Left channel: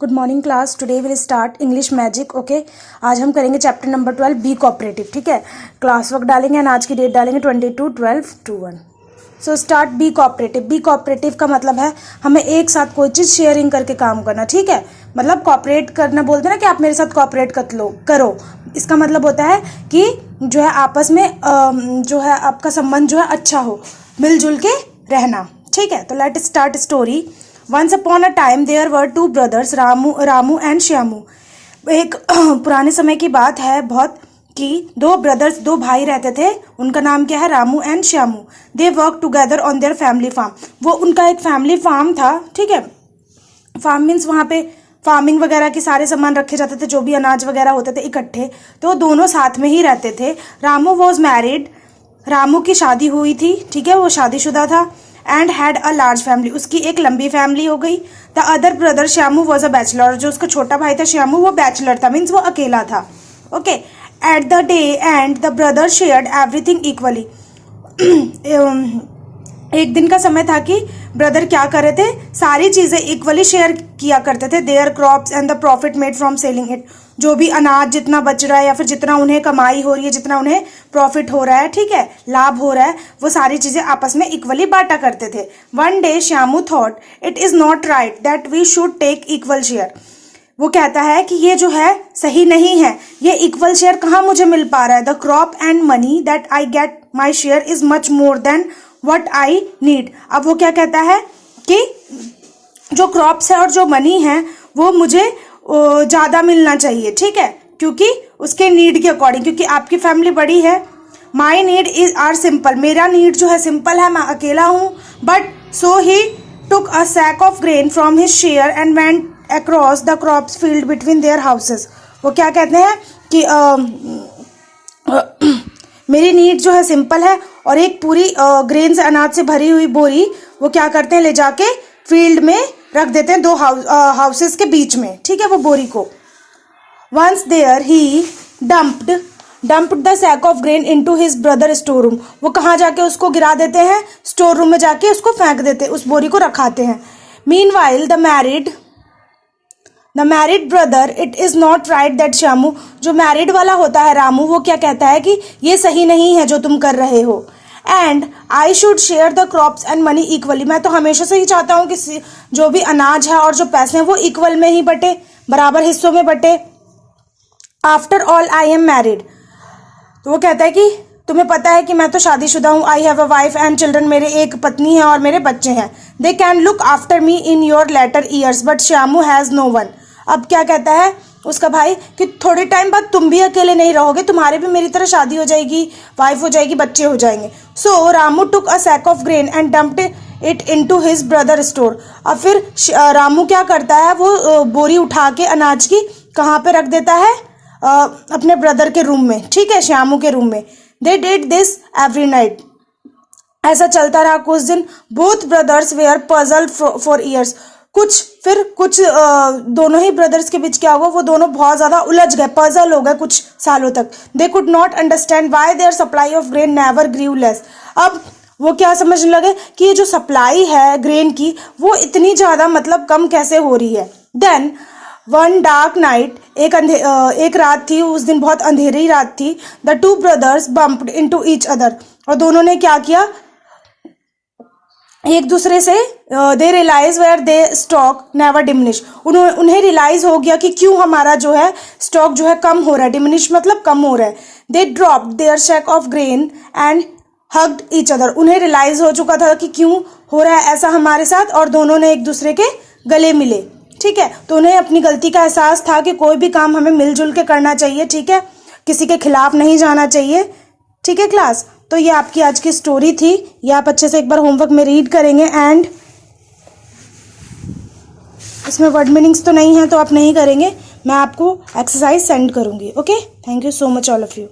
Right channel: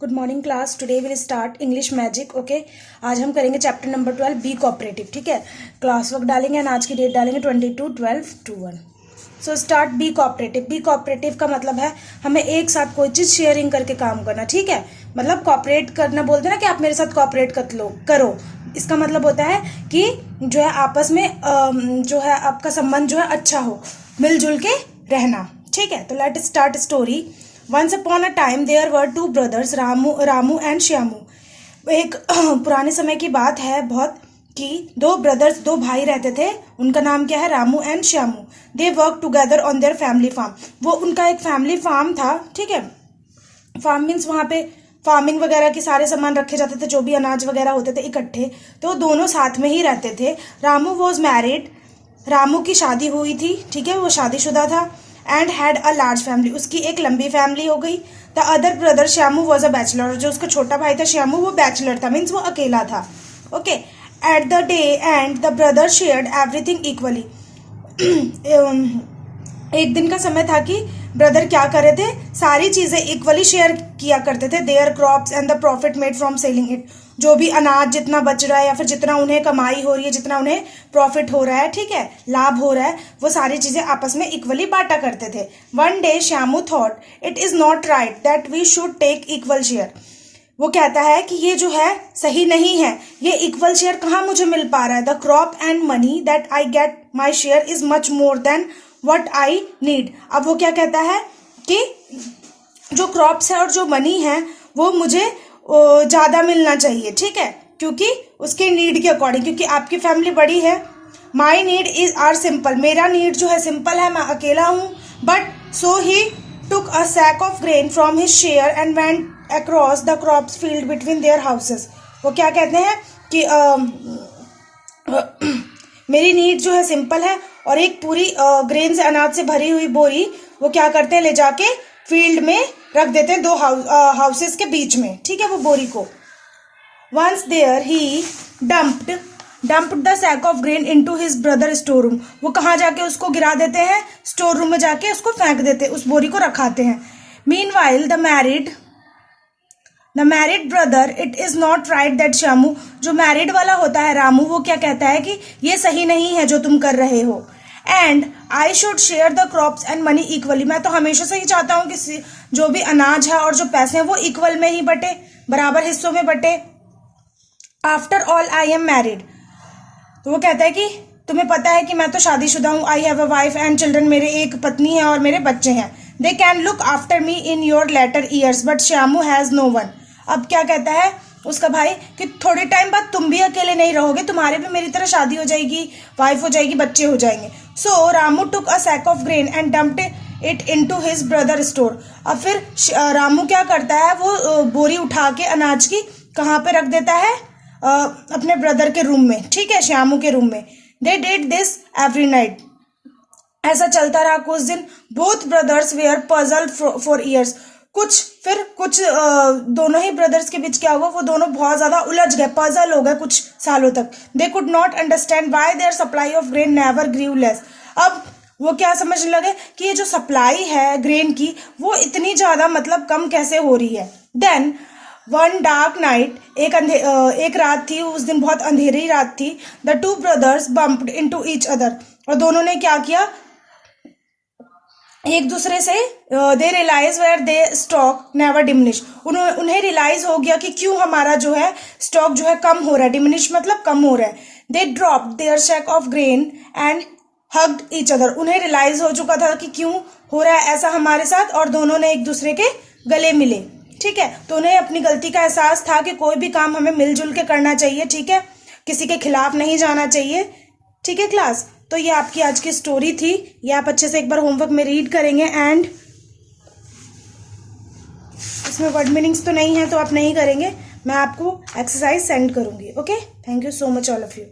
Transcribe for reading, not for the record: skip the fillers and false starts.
Good morning class. Today will start English magic. Okay, आज हम करेंगे चैप्टर नंबर 12 बी कोऑपरेटिव। ठीक है, क्लास वर्क डालेंगे एंड आज की डेट डालेंगे 22/12/21। So start be cooperative. Be cooperative का मतलब है हमें एक साथ कोई चीज़ शेयरिंग करके काम करना। ठीक है, मतलब कोऑपरेट करना बोलते हैं ना कि आप मेरे साथ कोऑपरेट करो। इसका मतलब होता है कि जो है आपस में जो है आपका संबंध जो है अच्छा हो, मिलजुल के रहना। ठीक है, तो let start story. Once upon a time there were two brothers Ramu and Shyamu. एक पुराने समय की बात है बहुत कि दो ब्रदर्स, दो भाई रहते थे। उनका नाम क्या है? Ramu and Shyamu. They work together on their family farm. वो उनका एक फैमिली फार्म था। ठीक है, फार्म मीन्स वहाँ पे फार्मिंग वगैरह के सारे सामान रखे जाते थे, जो भी अनाज वगैरह होते थे इकट्ठे, तो दोनों साथ में ही रहते थे। Ramu was married. रामू की शादी हुई थी। ठीक है, वो शादीशुदा था। And had a large family, उसकी एक लंबी फैमिली हो गई। The other brother Shyamu was a bachelor. जो उसका छोटा भाई था श्यामू, वो बैचलर था, मीन्स वो अकेला था। Okay, at the day and the brother shared everything equally. एक दिन का समय था कि ब्रदर क्या कर रहे थे, सारी चीजें इक्वली शेयर किया करते थे। There crops and the profit made from selling it. जो भी अनाज जितना बच रहा है या फिर जितना उन्हें कमाई हो रही है, जितना उन्हें प्रॉफिट हो रहा है, ठीक है, लाभ हो रहा है, वो सारी चीजें आपस में इक्वली बांटा करते थे। One day Shyamu thought it is not right that we should take equal share. वो कहता है कि ये जो है सही नहीं है, ये इक्वल शेयर कहाँ मुझे मिल पा रहा है। The crop and money that I get my share is much more than what I need. अब वो क्या कहता है कि जो क्रॉप्स है और जो मनी है वो मुझे ज्यादा मिलना चाहिए। ठीक है, क्योंकि उसके नीड के अकॉर्डिंग, क्योंकि आपकी फैमिली बड़ी है। My need is are simple. मेरा नीड जो है सिंपल है, मैं अकेला हूं। But so he took a sack of grain from his share and went across the crops field between their houses. वो क्या कहते हैं कि मेरी नीड जो है सिंपल है, और एक पूरी ग्रेन से अनाज से भरी हुई बोरी वो क्या करते हैं, ले जाके फील्ड में रख देते हैं, दो हाउसेस के बीच में। ठीक है, वो बोरी को। Once there he dumped the sack of grain into his brother store room. वो कहाँ जाके उसको गिरा देते हैं? स्टोर रूम में जाके उसको फेंक देते, उस बोरी को रखाते हैं। Meanwhile the married brother it is not right that Shyamu. जो मैरिड वाला होता है रामू, वो क्या कहता है कि ये सही नहीं है जो तुम कर रहे हो। And I should share the crops and money equally. मैं तो हमेशा से ही चाहता हूँ कि जो भी अनाज है और जो पैसे हैं वो इक्वल में ही बटे, बराबर हिस्सों में बटे। After all I am married. तो वो कहता है कि तुम्हें पता है कि मैं तो शादीशुदा हूँ। I have a wife and children. मेरे एक पत्नी है और मेरे बच्चे हैं। They can look after me in your later years but Shyamu has no one. अब क्या कहता है उसका भाई कि थोड़े टाइम बाद तुम भी अकेले नहीं रहोगे, तुम्हारे भी मेरी तरह शादी हो जाएगी, वाइफ हो जाएगी, बच्चे हो जाएंगे। So Ramu took a sack of grain and dumped it into his brother store. अब फिर रामू क्या करता है, वो बोरी उठा के अनाज की कहाँ पे रख देता है? अपने ब्रदर के रूम में। ठीक है, श्यामू के रूम में। They did this every night. ऐसा चलता रहा कुछ दिन। Both brothers were puzzled for years. कुछ दोनों ही ब्रदर्स के बीच क्या हुआ, वो दोनों बहुत ज्यादा उलझ गए, पजल हो गए कुछ सालों तक। They could not understand why their supply of grain never grew less. अब वो क्या समझने लगे कि ये जो सप्लाई है ग्रेन की, वो इतनी ज्यादा मतलब कम कैसे हो रही है। देन वन डार्क नाइट, एक रात थी, उस दिन बहुत अंधेरी रात थी। The two brothers bumped into each other. और दोनों ने क्या किया, एक दूसरे से they realize where their stock never diminish. उन्हें रियलाइज हो गया कि क्यों हमारा जो है स्टॉक जो है कम हो रहा है। डिमिनिश मतलब कम हो रहा है। They dropped their sack of grain and hugged each other. उन्हें रियलाइज हो चुका था कि क्यों हो रहा है ऐसा हमारे साथ, और दोनों ने एक दूसरे के गले मिले। ठीक है, तो उन्हें अपनी गलती का एहसास था कि कोई भी काम हमें मिलजुल के करना चाहिए। ठीक है, किसी के खिलाफ नहीं जाना चाहिए। ठीक है क्लास, तो ये आपकी आज की स्टोरी थी। ये आप अच्छे से एक बार होमवर्क में रीड करेंगे। एंड इसमें वर्ड मीनिंग्स तो नहीं है तो आप नहीं करेंगे, मैं आपको एक्सरसाइज सेंड करूंगी। Okay, thank you so much all of you.